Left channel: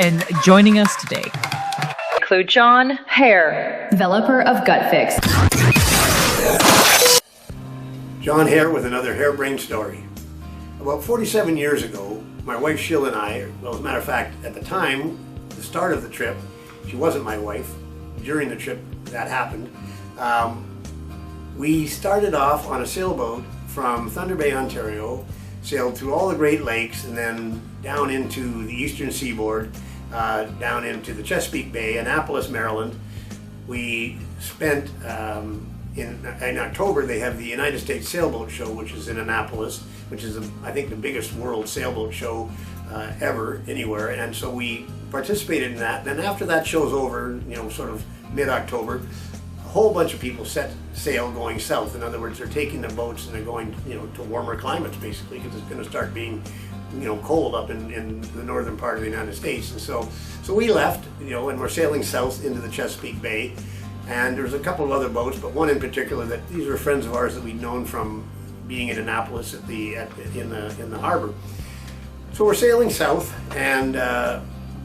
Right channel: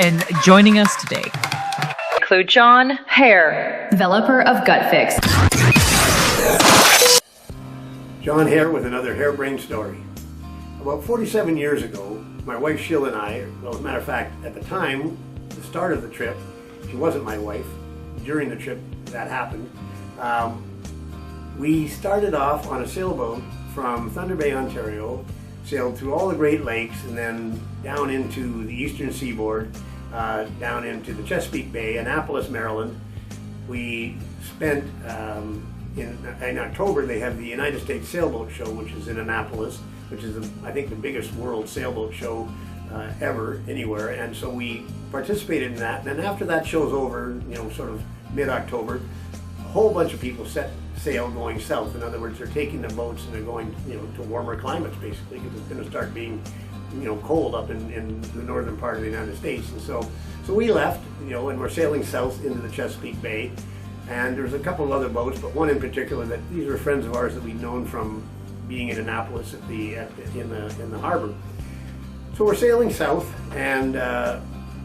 And joining us today include John Hare, developer of GUT FYX. John Hare with another harebrained story. About 47 years ago, my wife Sheila and I, well, as a matter of fact, at the time, the start of the trip, she wasn't my wife. During the trip that happened, we started off on a sailboat from Thunder Bay, Ontario, sailed through all the Great Lakes and then down into the eastern seaboard, down into the Chesapeake Bay, Annapolis, Maryland. We spent, in October, they have the United States Sailboat Show, which is in Annapolis, which is, I think, the biggest world sailboat show ever, anywhere. And so we participated in that. Then after that show's over, sort of mid-October, a whole bunch of people set sail going south. In other words, they're taking the boats and they're going, to warmer climates, basically, because it's going to start being, cold up in the northern part of the United States. And so we left, and we're sailing south into the Chesapeake Bay. And there's a couple of other boats, but one in particular that these were friends of ours that we'd known from being in Annapolis in the harbor. So we're sailing south, and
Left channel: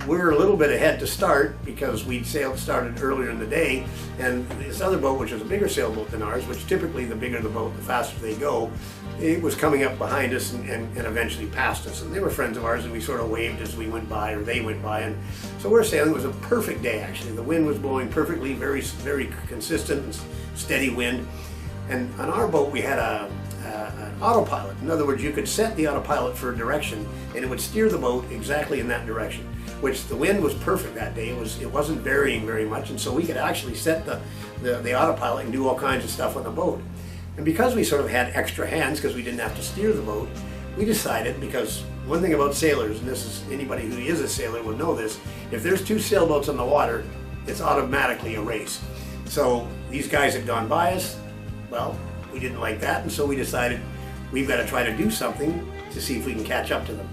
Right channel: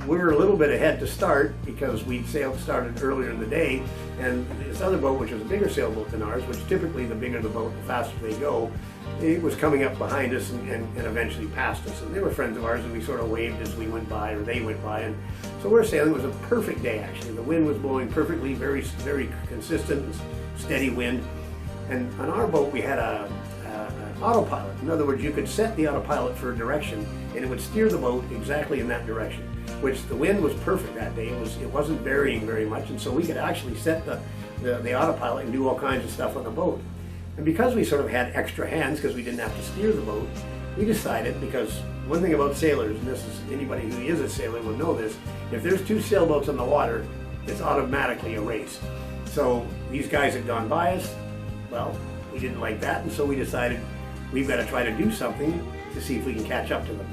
we're a little bit ahead to start because we'd started earlier in the day, and this other boat, which was a bigger sailboat than ours, which typically the bigger the boat, the faster they go, it was coming up behind us and eventually past us. And they were friends of ours, and we sort of waved as we went by, or they went by. And so we're sailing. It was a perfect day, actually. The wind was blowing perfectly, very, very consistent and steady wind. And on our boat, we had an autopilot. In other words, you could set the autopilot for a direction, and it would steer the boat exactly in that direction, which the wind was perfect that day. It wasn't varying very much, and so we could actually set the autopilot and do all kinds of stuff on the boat. And because we sort of had extra hands, because we didn't have to steer the boat, we decided, because one thing about sailors, and this is anybody who is a sailor will know this, if there's two sailboats on the water, it's automatically a race. So these guys had gone by us. Well, we didn't like that, and so we decided we've got to try to do something to see if we can catch up to them.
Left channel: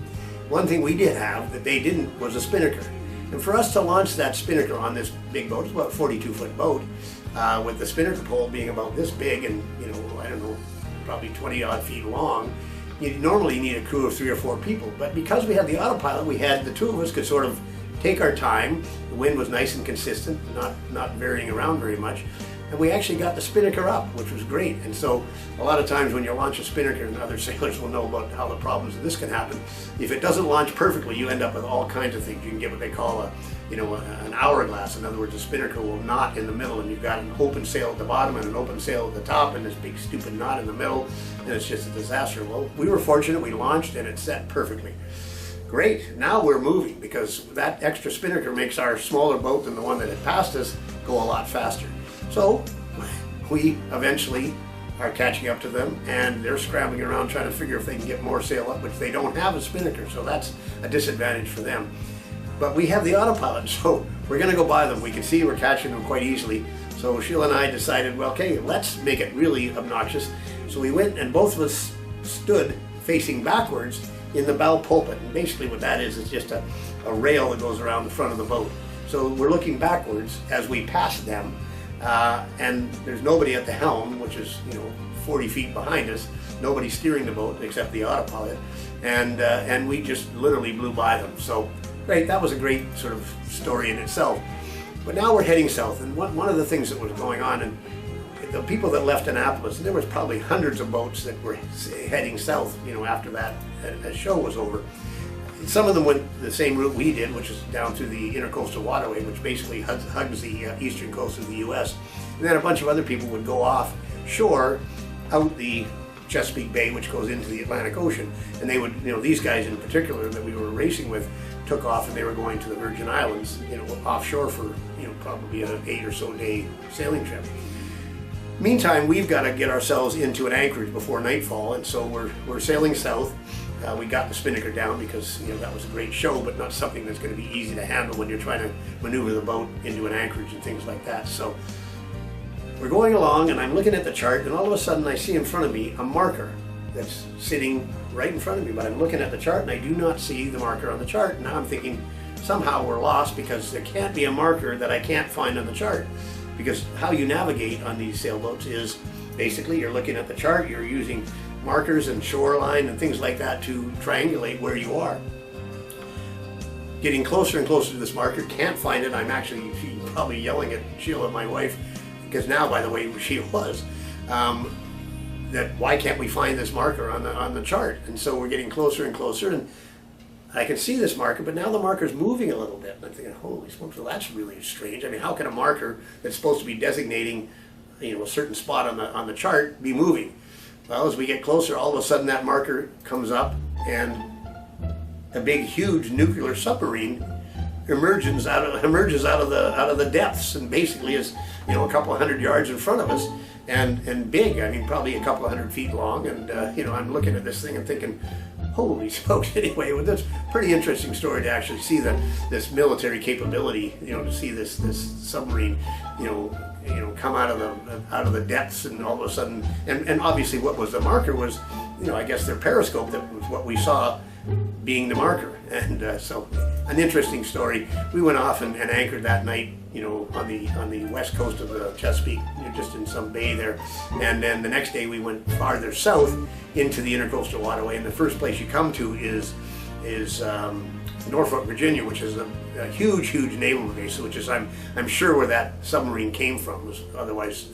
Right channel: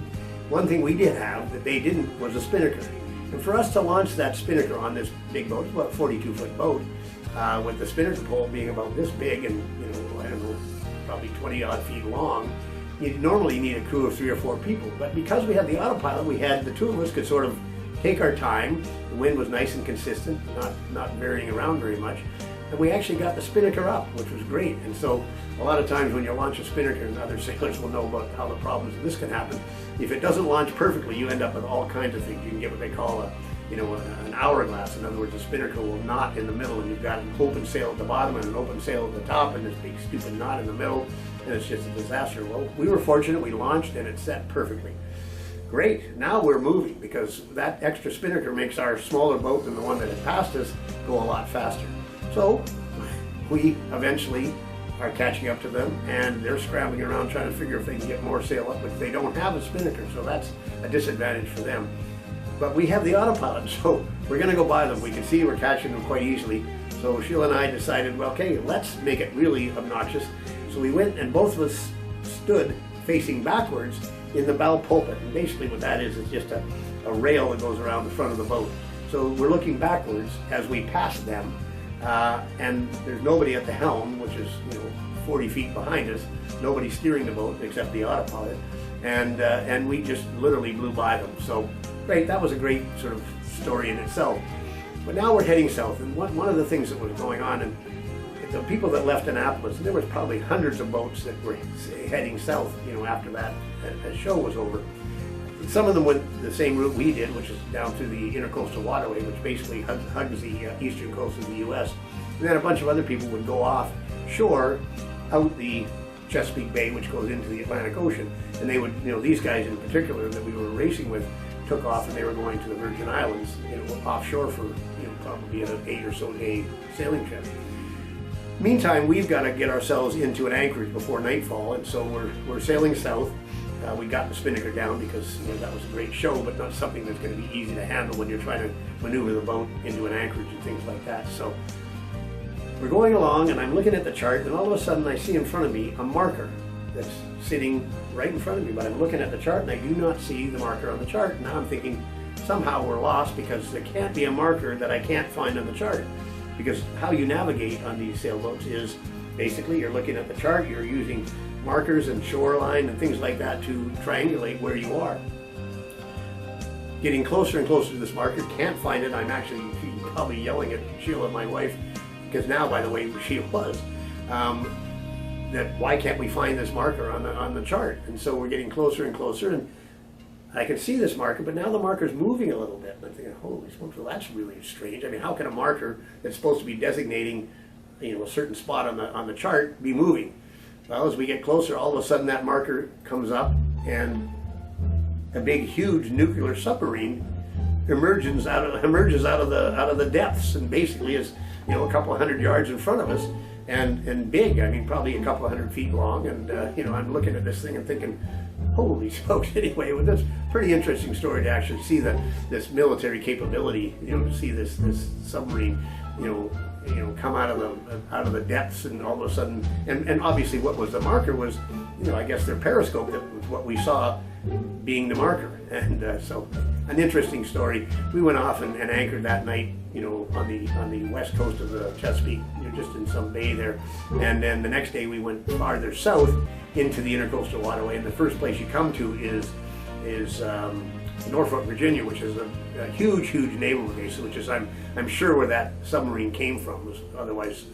One thing we did have that they didn't was a spinnaker. And for us to launch that spinnaker on this big boat, it's about a 42-foot boat, with the spinnaker pole being about this big and, I don't know, probably 20-odd feet long, you normally need a crew of 3 or 4 people. But because we had the autopilot, the two of us could sort of take our time. The wind was nice and consistent, not varying around very much. And we actually got the spinnaker up, which was great. And so a lot of times when you launch a spinnaker, and other sailors will know about how the problems of this can happen, if it doesn't launch perfectly, you end up with all kinds of things. You can get what they call an hourglass. In other words, a spinnaker will knot in the middle, and you've got an open sail at the bottom and an open sail at the top, and this big stupid knot in the middle, and it's just a disaster. Well, we were fortunate. We launched, and it set perfectly. Great, now we're moving, because that extra spinnaker makes our smaller boat than the one that had passed us go a lot faster. So we eventually are catching up to them, and they're scrambling around trying to figure if they can get more sail up, which they don't have a spinnaker, so that's a disadvantage for them. But we have the autopilot, so we're going to go by them. We can see we're catching them quite easily. So Sheila and I decided, well, okay, let's make it really obnoxious. So we went, and both of us stood facing backwards in the bow pulpit. And basically what that is just a rail that goes around the front of the boat. So we're looking backwards as we pass them, and there's nobody at the helm, which is 40 feet behind us, nobody steering the boat except the autopilot, and we just literally blew by them. So great, that was a great sort of story in itself. But now we're heading south, and one of the things that was going on, and the people that left Annapolis, and there was probably hundreds of boats that were heading south, after that show was over. Some of them went the same route we did, which is down through the Intracoastal waterway, which basically hugs the eastern coast of the U.S. And then a bunch of other people would go offshore out the Chesapeake Bay, which goes into the Atlantic Ocean. And they would, these guys in particular that we were racing with took off, and they were going to the Virgin Islands, offshore for, probably an 8 or so day sailing trip. Meantime, we've got to get ourselves into an anchorage before nightfall, and so we're sailing south. We got the spinnaker down because that was a great show, but not something that's going to be easy to handle when you're trying to maneuver the boat into an anchorage and things like that. So we're going along, and I'm looking at the chart, and all of a sudden I see in front of me a marker that's sitting right in front of me, but I'm looking at the chart and I do not see the marker on the chart. Now I'm thinking somehow we're lost, because there can't be a marker that I can't find on the chart, because how you navigate on these sailboats is basically you're looking at the chart, you're using markers and shoreline and things like that to triangulate where you are. getting closer and closer to this marker, can't find it. I'm actually probably yelling at Sheila, my wife, because now, by the way, she was, that why can't we find this marker on the chart? And so we're getting closer and closer, and I can see this marker, but now the marker's moving a little bit. And I'm thinking, holy smokes, well, that's really strange. I mean, how can a marker that's supposed to be designating, a certain spot on the chart be moving? Well, as we get closer, all of a sudden that marker comes up, and a big, huge nuclear submarine emerges out of the depths, and basically is a couple 100 yards in front of us, and big. I mean, probably a couple 100 feet long. And I'm looking at this thing and thinking, holy smokes! Anyway, well, that's a pretty interesting story to actually see this military capability. To see this submarine, come out of the depths, and all of a sudden, and obviously, what was the marker was, I guess their periscope. That was what we saw being the marker. And so an interesting story. We went off and anchored that night, on the west coast of the Chesapeake, just in some bay there. And then the next day we went farther south into the Intracoastal waterway. And the first place you come to is Norfolk, Virginia, which is a huge naval base, which is I'm sure where that submarine came from. Was otherwise,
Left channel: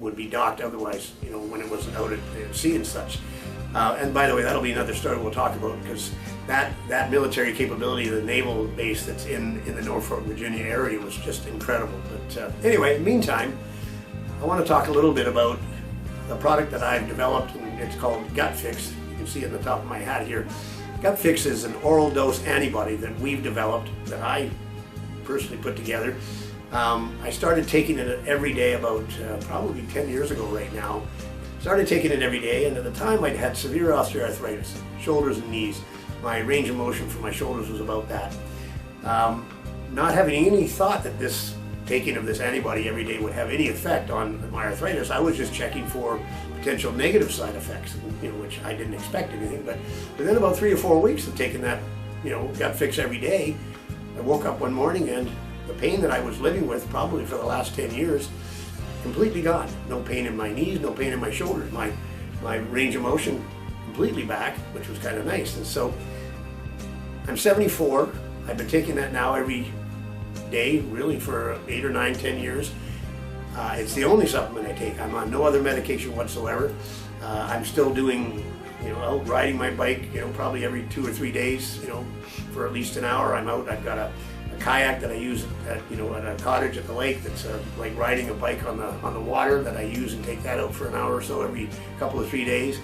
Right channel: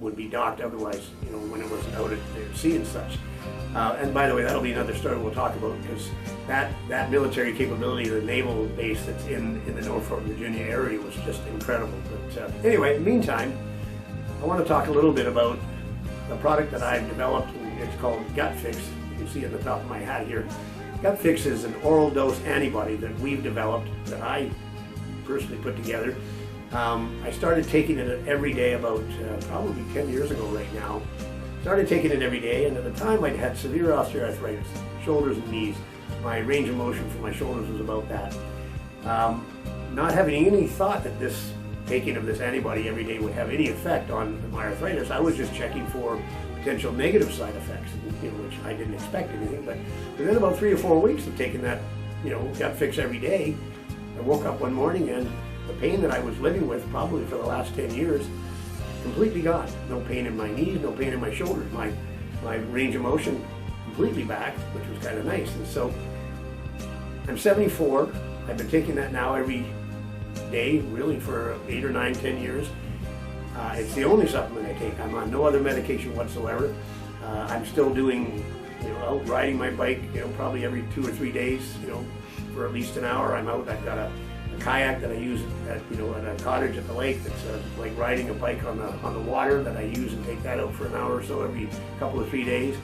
would be docked otherwise, when it was out at sea and such. And by the way, that'll be another story we'll talk about, because that military capability, the naval base that's in the Norfolk, Virginia area, was just incredible. But anyway, in the meantime, I want to talk a little bit about the product that I've developed, and it's called GUT FYX. You can see at the top of my hat here. GUT FYX is an oral dose antibody that we've developed, that I personally put together. I started taking it every day about probably 10 years ago right now. Started taking it every day, and at the time I'd had severe osteoarthritis, shoulders and knees. My range of motion for my shoulders was about that. Not having any thought that taking of this antibody every day would have any effect on my arthritis, I was just checking for potential negative side effects, which I didn't expect anything. But within about 3 or 4 weeks of taking that, GUT FYX every day, I woke up one morning and the pain that I was living with probably for the last 10 years, completely gone. No pain in my knees, no pain in my shoulders. My range of motion completely back, which was kind of nice. And so I'm 74. I've been taking that now every day, really, for 8 or 9, 10 years. It's the only supplement I take. I'm on no other medication whatsoever. I'm still doing, out riding my bike, probably every 2 or 3 days, for at least an hour. I'm out. I've got a kayak that I use at a cottage at the lake. That's like riding a bike on the water, that I use and take that out for an hour or so every couple of 3 days.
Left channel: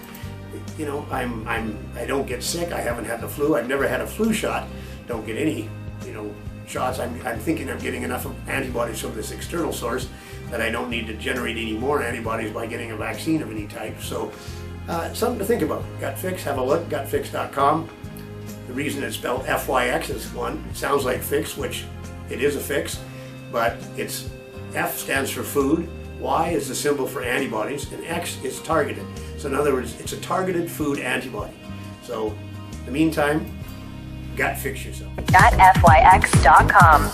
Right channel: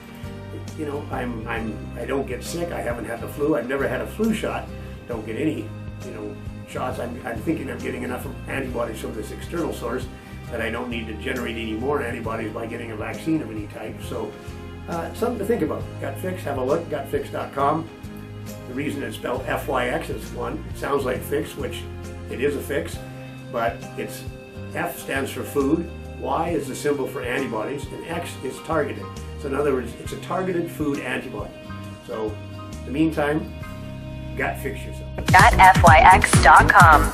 I don't get sick. I haven't had the flu. I've never had a flu shot. Don't get any shots. I'm thinking I'm getting enough antibodies from this external source that I don't need to generate any more antibodies by getting a vaccine of any type. So something to think about. GUT FYX, have a look, gutfyx.com. The reason it's spelled FYX is, one, it sounds like fix, which it is a fix, but it's F stands for food, Y is the symbol for antibodies, and X is targeted. So in other words, it's a targeted food antibody. So in the meantime, GUT FYX yourself. GUT FYX.com.